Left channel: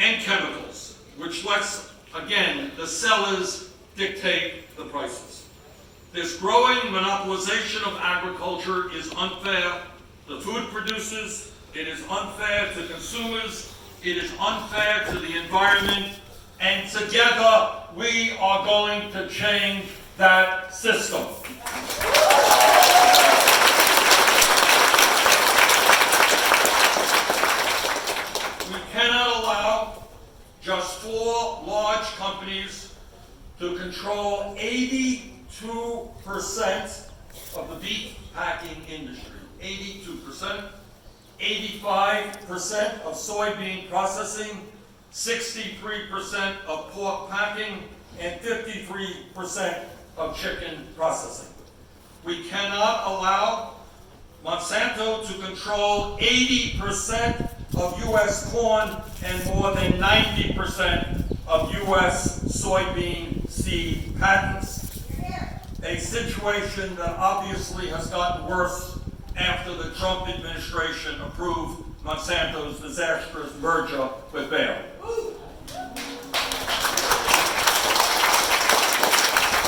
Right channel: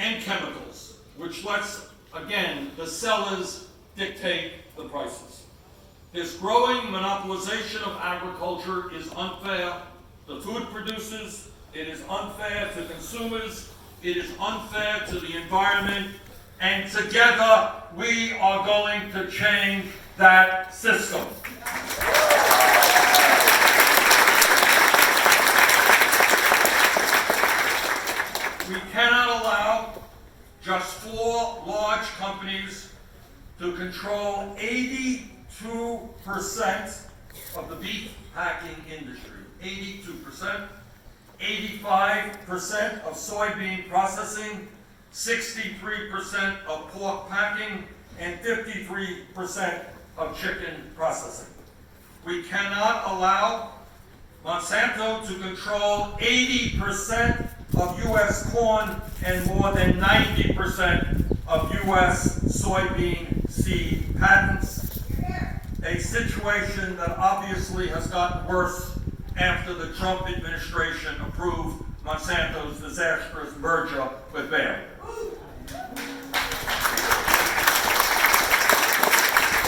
and chemicals, which lets, again, the sellers dictate the prices. This growing monopolization of agriculture is unfair to food producers, it is unfair to consumers, it is unfair to the environment, and together we are going to change that system. We cannot allow just 4 large companies to control 82% of the beef packing industry. 82%, 85% of soybean processing, 63% of pork packing, and 53% of chicken processing. We cannot allow Monsanto to control 80% of U.S. corn and more than 90% of U.S. soybean seed patents, a situation that obviously has gotten worse after the Trump administration approved Monsanto's disastrous merger with Bayer.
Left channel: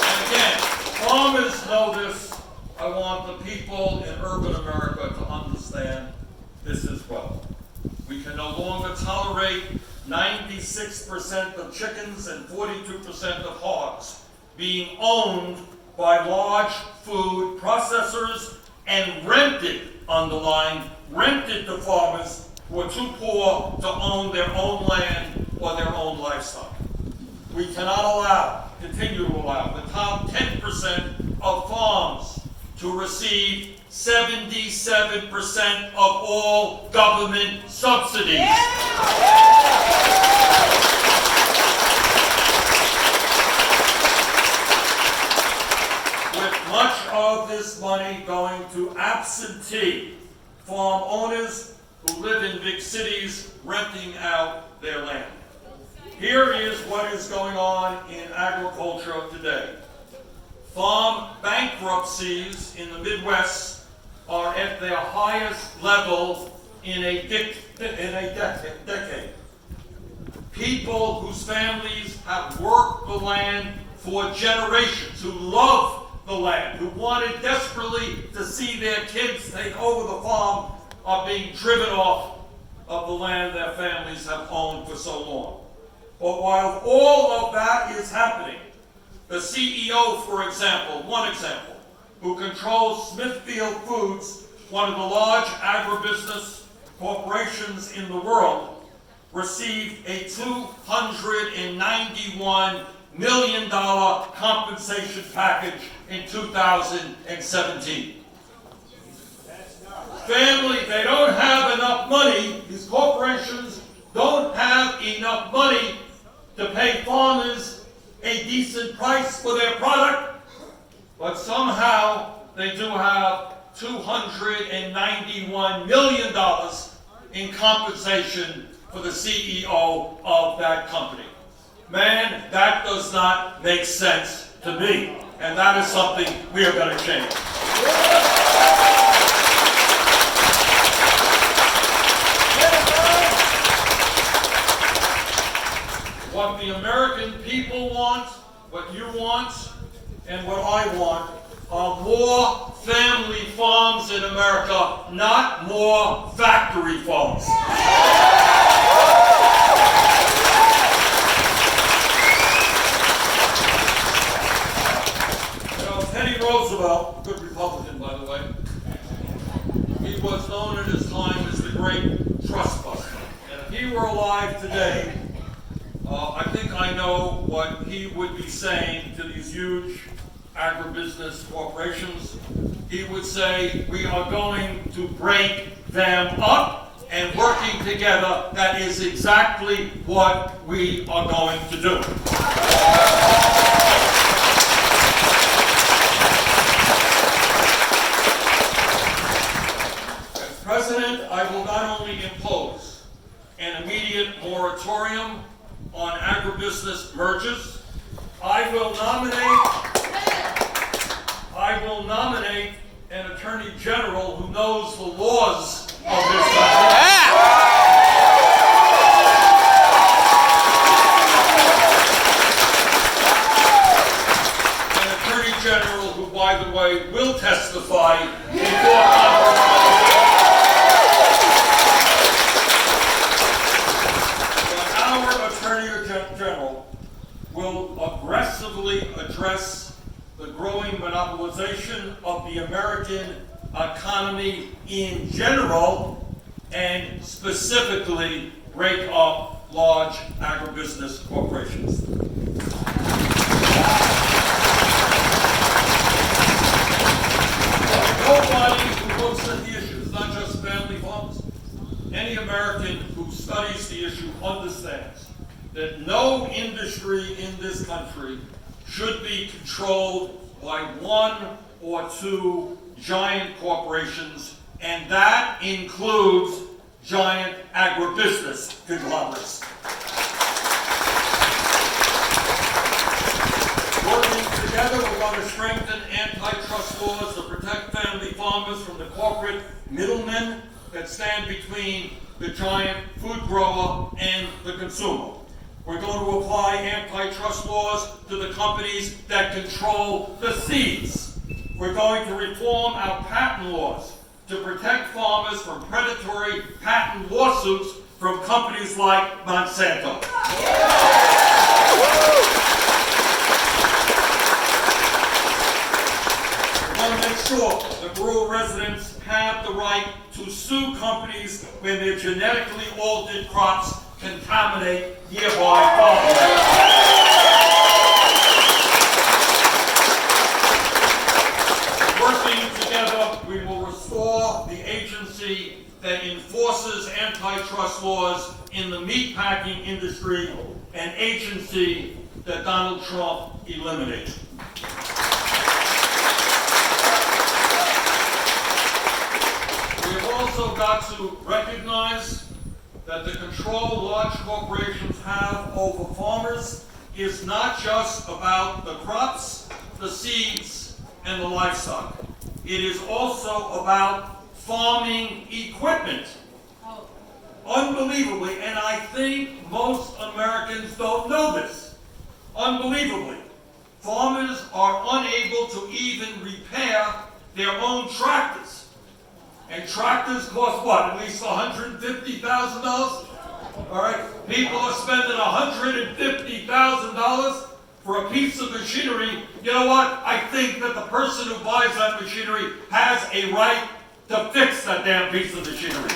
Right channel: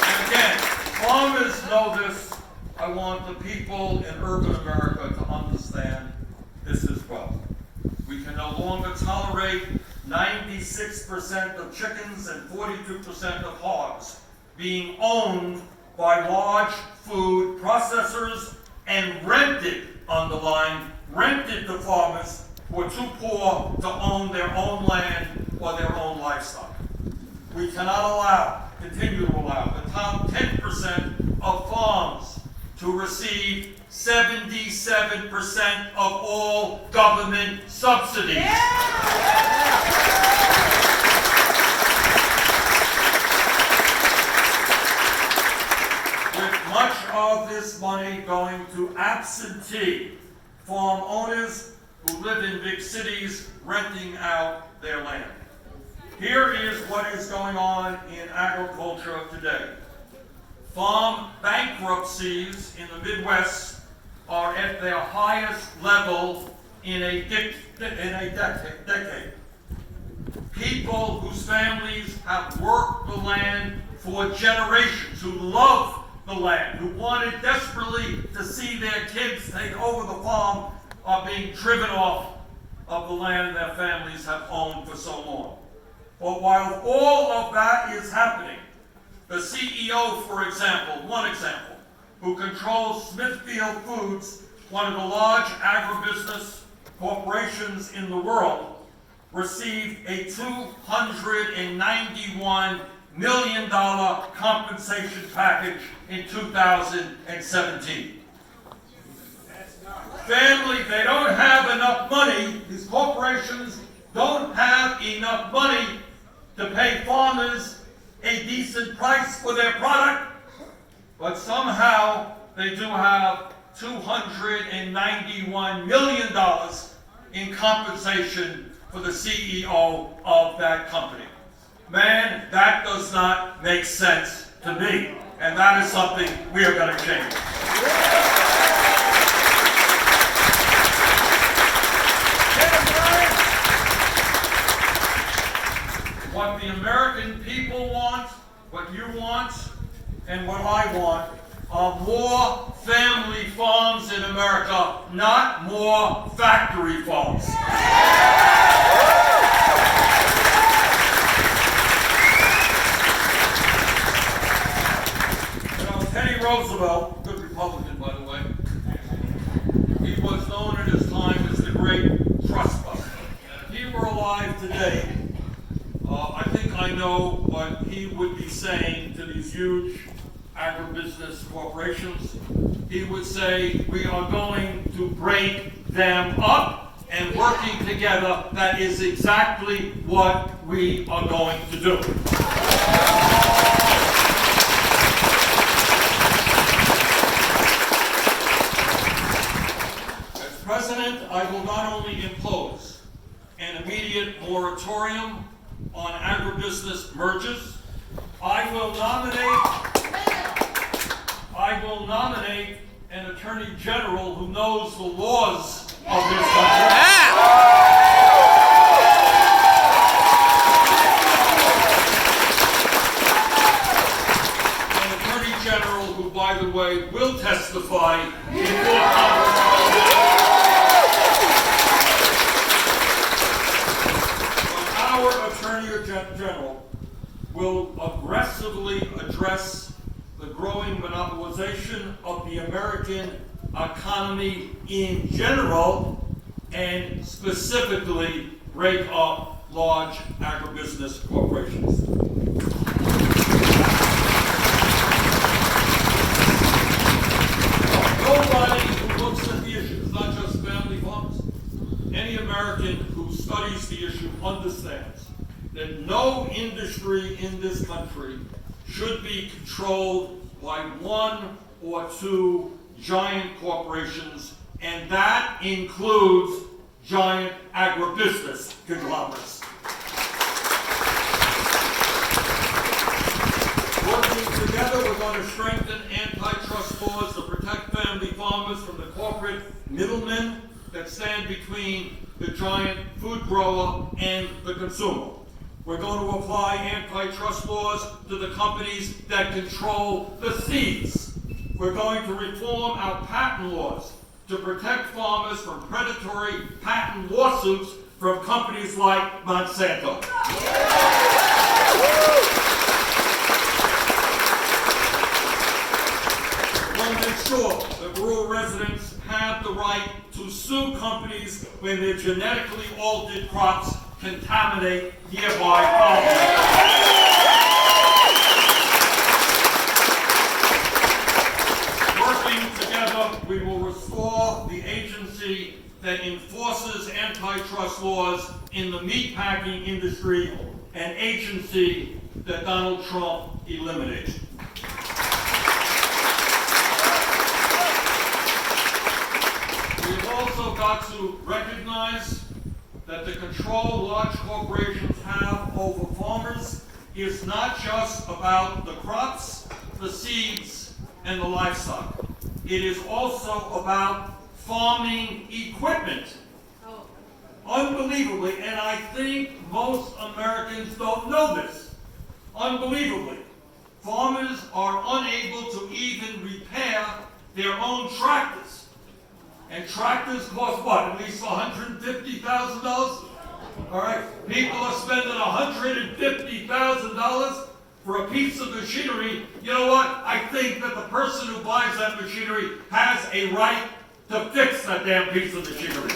And again, farmers know this. I want the people in urban America to understand this as well. We can no longer tolerate 96% of chickens and 42% of hogs being owned by large food processors and rented, underlined, rented to farmers who are too poor to own their own land or their own livestock. We cannot continue to allow the top 10% of farms to receive 77% of all government subsidies. With much of this money going to absentee farm owners who live in big cities renting out their land. Here is what is going on in agriculture today. Farm bankruptcies in the Midwest are at their highest level in a decade. People whose families have worked the land for generations, who love the land, who wanted desperately to see their kids take over the farm, are being driven off of the land their families have owned for so long. But while all of that is happening, the CEO, for example, one example, who controls Smithfield Foods, one of the large agribusiness corporations in the world, received a $291 million compensation package in 2017. Family, they don't have enough money, these corporations don't have enough money to pay farmers a decent price for their product, but somehow they do have $291 million in compensation for the CEO of that company. Man, that does not make sense to me, and that is something we are going to change. What the American people want, what you want, and what I want are more family farms in America, not more factory farms. You know, Teddy Roosevelt, good Republican by the way, he was known at his time as the great trust buster. And if he were alive today, I think I know what he would be saying to these huge agribusiness corporations. He would say, we are going to break them up, and working together, that is exactly what we are going to do. As president, I will not only impose an immediate moratorium on agribusiness mergers, I will nominate an attorney general who knows the laws of this country. testify before Congress. Our Attorney General will aggressively address the growing monopolization of the American economy in general, and specifically break up large agribusiness corporations. Nobody who looks at the issues, not just family farmers, any American who studies the issue understands that no industry in this country should be controlled by one or two giant corporations, and that includes giant agribusiness conglomerates. Working together, we're going to strengthen antitrust laws to protect family farmers from the corporate middlemen that stand between the giant food grower and the consumer. We're going to apply antitrust laws to the companies that control the seeds. We're going to reform our patent laws to protect farmers from predatory patent lawsuits from companies like Monsanto. We're going to make sure that rural residents have the right to sue companies when their genetically altered crops contaminate nearby farmland. Working together, we will restore the agency that enforces antitrust laws in the meatpacking industry, an agency that Donald Trump eliminated. We have also got to recognize that the control large corporations have over farmers is not just about the crops, the seeds, and the livestock. It is also about farming equipment. Unbelievably, and I think most Americans don't know this, unbelievably, farmers are unable to even repair their own tractors. And tractors cost what? At least $150,000? All right, people are spending $150,000 for a piece of machinery. You know what? I think that the person who buys that machinery has a right to fix that damn piece of machinery.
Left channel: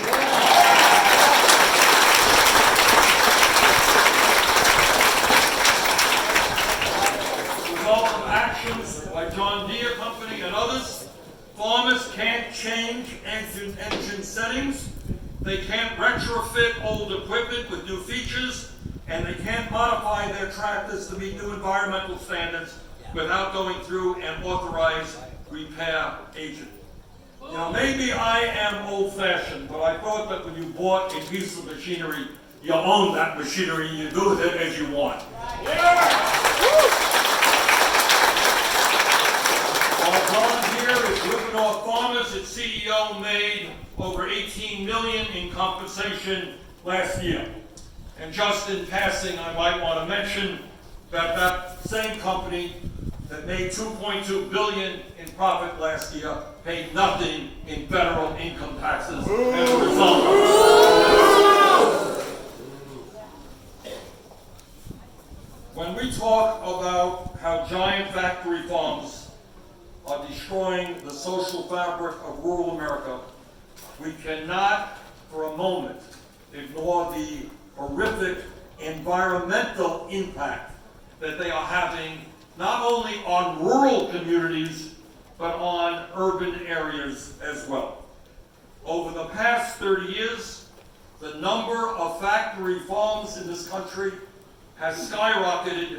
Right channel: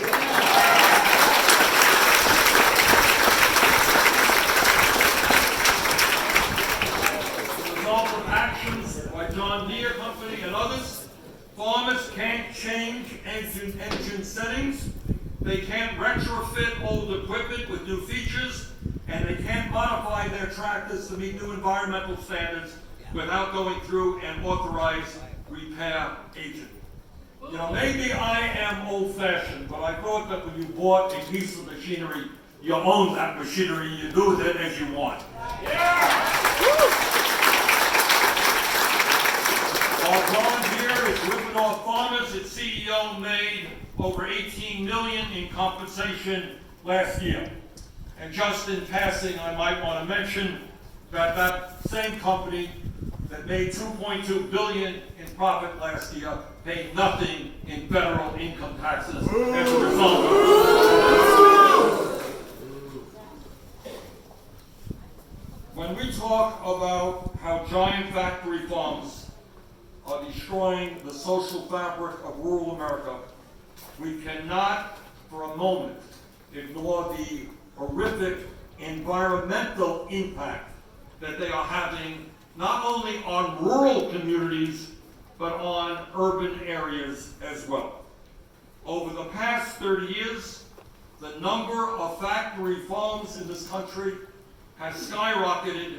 As a result of actions by John Deere Company and others, farmers can't change engine settings, they can't retrofit old equipment with new features, and they can't modify their tractors to meet new environmental standards without going through an authorized repair agent. You know, maybe I am old-fashioned, but I thought that when you bought a piece of machinery, you own that machinery, you do with it as you want. Our problem here is ripping off farmers. Its CEO made over $18 million in compensation last year. And just in passing, I might want to mention that that same company that made $2.2 billion in profit last year paid nothing in federal income taxes as a result of it. When we talk about how giant factory farms are destroying the social fabric of rural America, we cannot for a moment ignore the horrific environmental impact that they are having not only on rural communities, but on urban areas as well. Over the past 30 years, the number of factory farms in this country has skyrocketed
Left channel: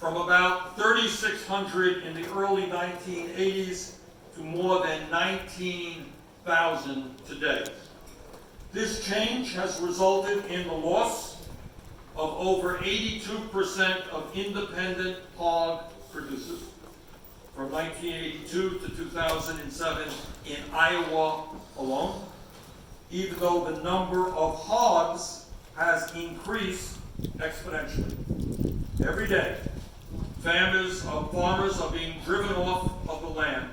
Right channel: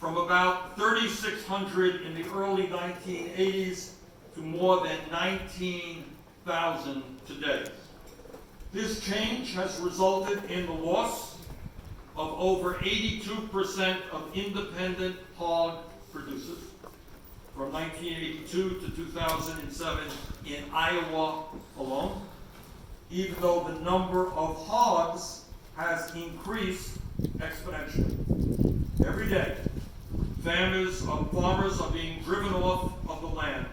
from about 3,600 in the early 1980s to more than 19,000 today. This change has resulted in the loss of over 82% of independent hog producers from 1982 to 2007 in Iowa alone, even though the number of hogs has increased exponentially. Every day, farmers are being driven off of the land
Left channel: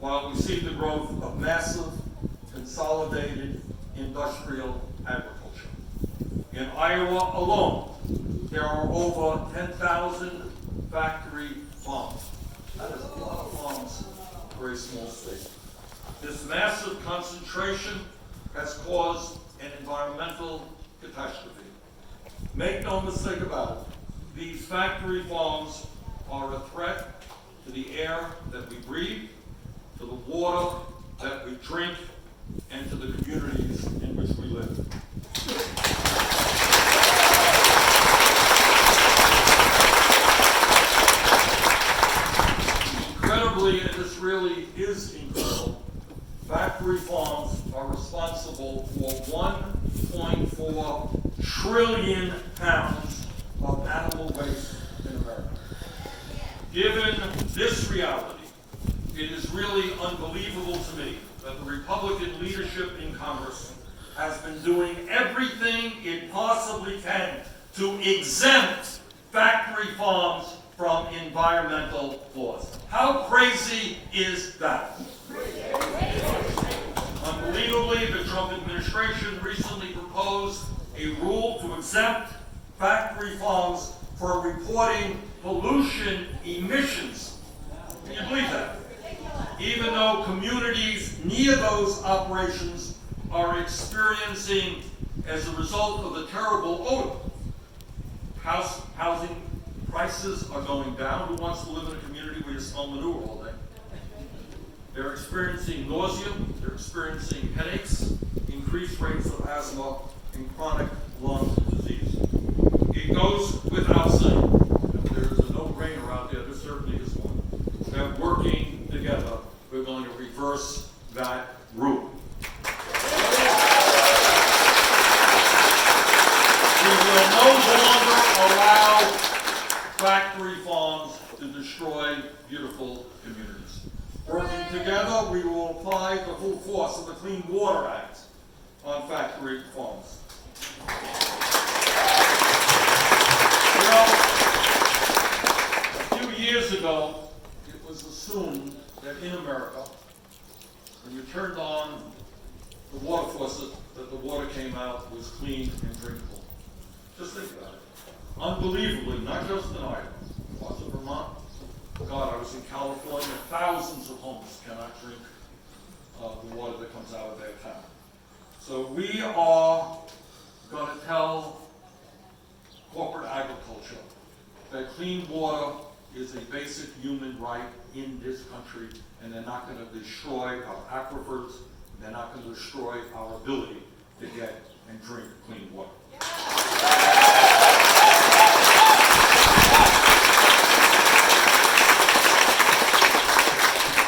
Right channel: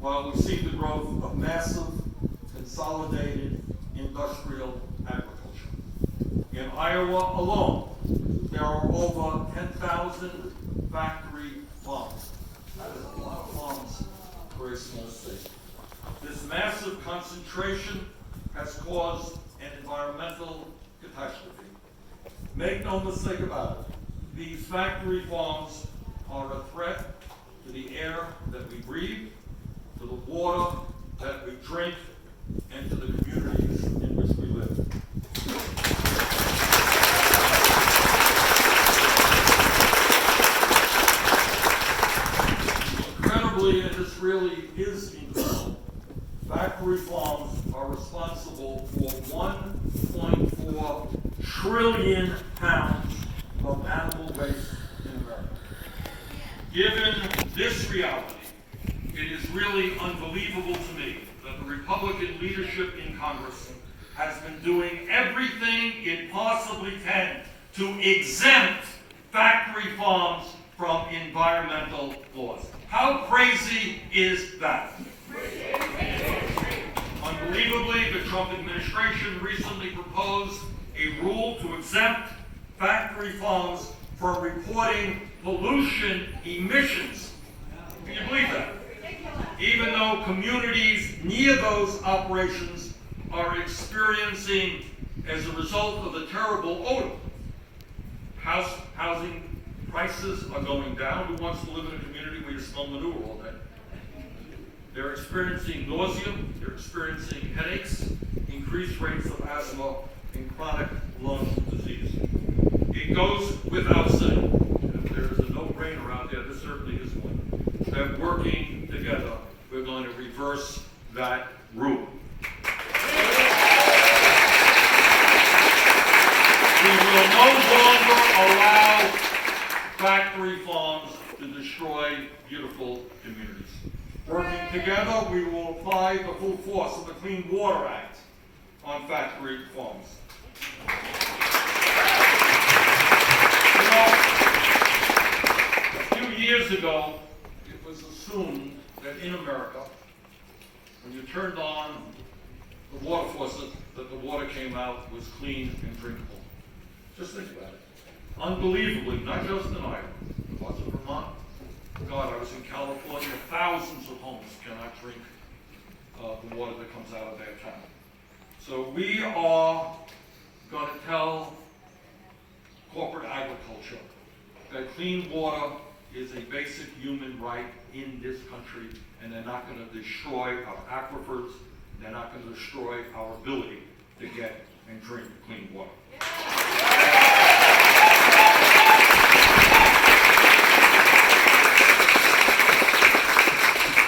while we see the growth of massive, consolidated industrial agriculture. In Iowa alone, there are over 10,000 factory farms. That is a lot of farms for a small state. This massive concentration has caused an environmental catastrophe. Make no mistake about it, these factory farms are a threat to the air that we breathe, to the water that we drink, and to the communities in which we live. Incredibly, and this really is incredible, factory farms are responsible for 1.4 trillion pounds of animal waste in America. Given this reality, it is really unbelievable to me that the Republican leadership in Congress has been doing everything it possibly can to exempt factory farms from environmental laws. How crazy is that? Unbelievably, the Trump administration recently proposed a rule to exempt factory farms from reporting pollution emissions. Can you believe that? Even though communities near those operations are experiencing, as a result of the terrible odor, housing prices are going down. Who wants to live in a community where you smell manure all day? They're experiencing nausea, they're experiencing headaches, increased rates of asthma, and chronic lung disease. It goes without saying, if there is a no-brainer out there, this certainly is one, that working together, we're going to reverse that rule. We will no longer allow factory farms to destroy beautiful communities. Working together, we will apply the full force of the Clean Water Act on factory farms. You know, a few years ago, it was assumed that in America, when you turned on the water faucet, that the water came out was clean and drinkable. Just think about it. Unbelievably, not just in Iowa, parts of Vermont. God, I was in California, thousands of homes cannot drink the water that comes out of their town. So we are going to tell corporate agriculture that clean water is a basic human right in this country, and they're not going to destroy our aquifers, they're not going to destroy our ability to get and drink clean water.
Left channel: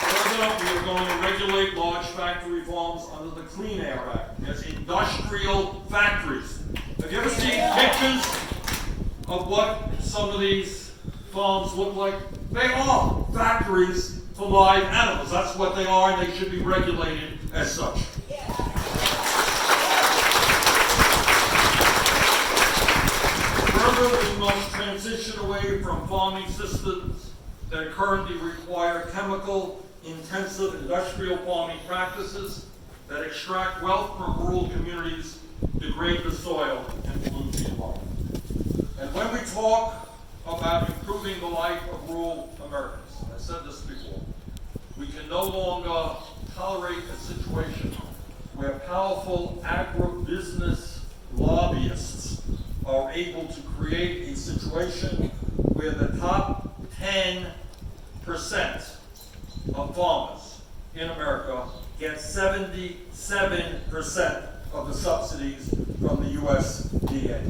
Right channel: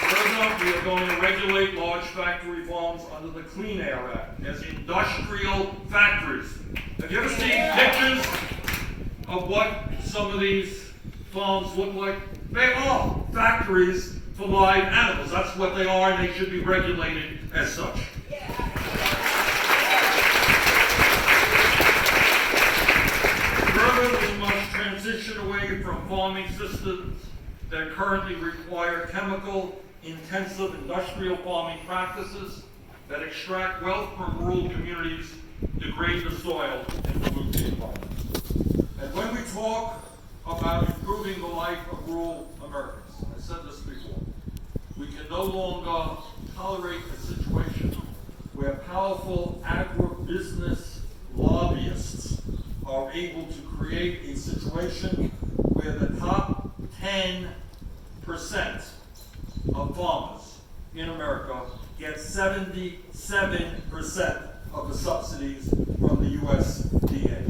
Further, we are going to regulate large factory farms under the Clean Air Act as industrial factories. Have you ever seen pictures of what some of these farms look like? They are factories for live animals. That's what they are, and they should be regulated as such. Further, we must transition away from farming systems that currently require chemical-intensive industrial farming practices that extract wealth from rural communities, degrade the soil, and pollute the environment. And when we talk about improving the life of rural Americans, I said this before, we can no longer tolerate a situation where powerful agribusiness lobbyists are able to create a situation where the top 10% of farmers in America get 77% of the subsidies from the USDA.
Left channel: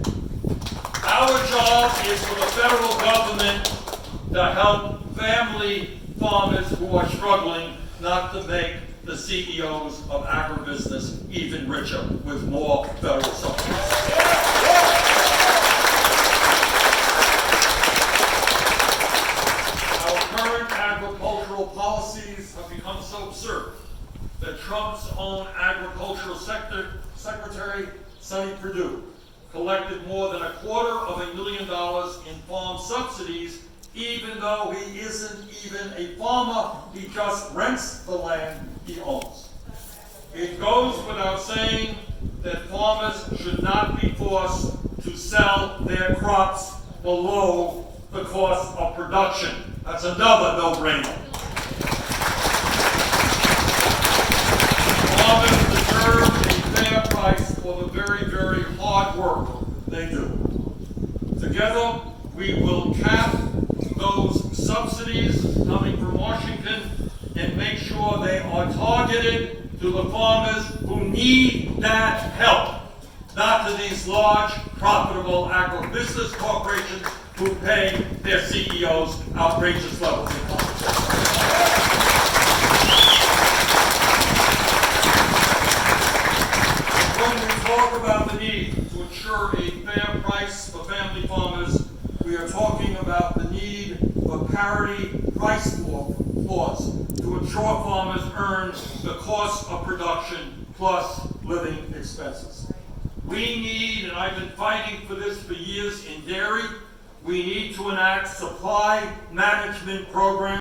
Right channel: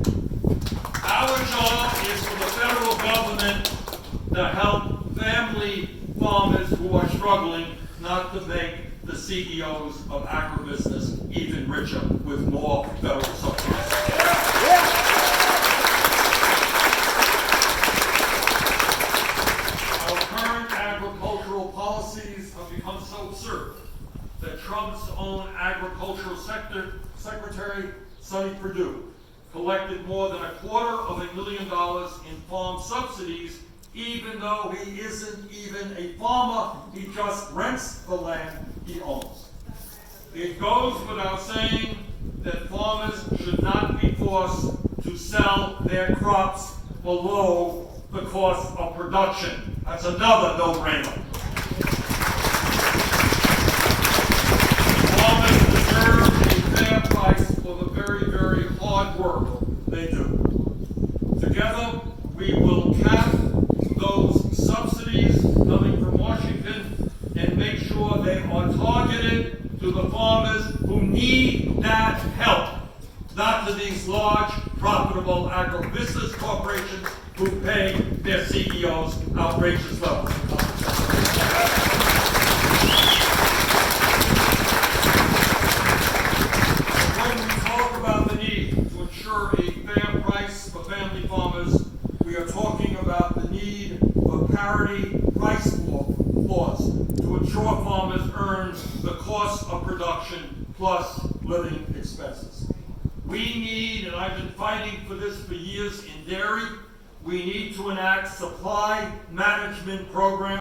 Our job is for the federal government to help family farmers who are struggling, not to make the CEOs of agribusiness even richer with more federal subsidies. Our current agricultural policies have become so absurd that Trump's own agricultural secretary, Sonny Perdue, collected more than $250,000 in farm subsidies even though he isn't even a farmer, he just rents the land he owns. It goes without saying that farmers should not be forced to sell their crops below the cost of production. That's another no-brainer. Farmers deserve a fair price for the very, very hard work they do. Together, we will cap those subsidies coming from Washington and make sure they are targeted to the farmers who need that help, not to these large, profitable agribusiness corporations who pay their CEOs outrageous levels of compensation. When we talk about the need to ensure a fair price for family farmers, we are talking about the need for parity price floors to ensure farmers earn the cost of production plus living expenses. We need, and I've been fighting for this for years in dairy, we need to enact supply management programs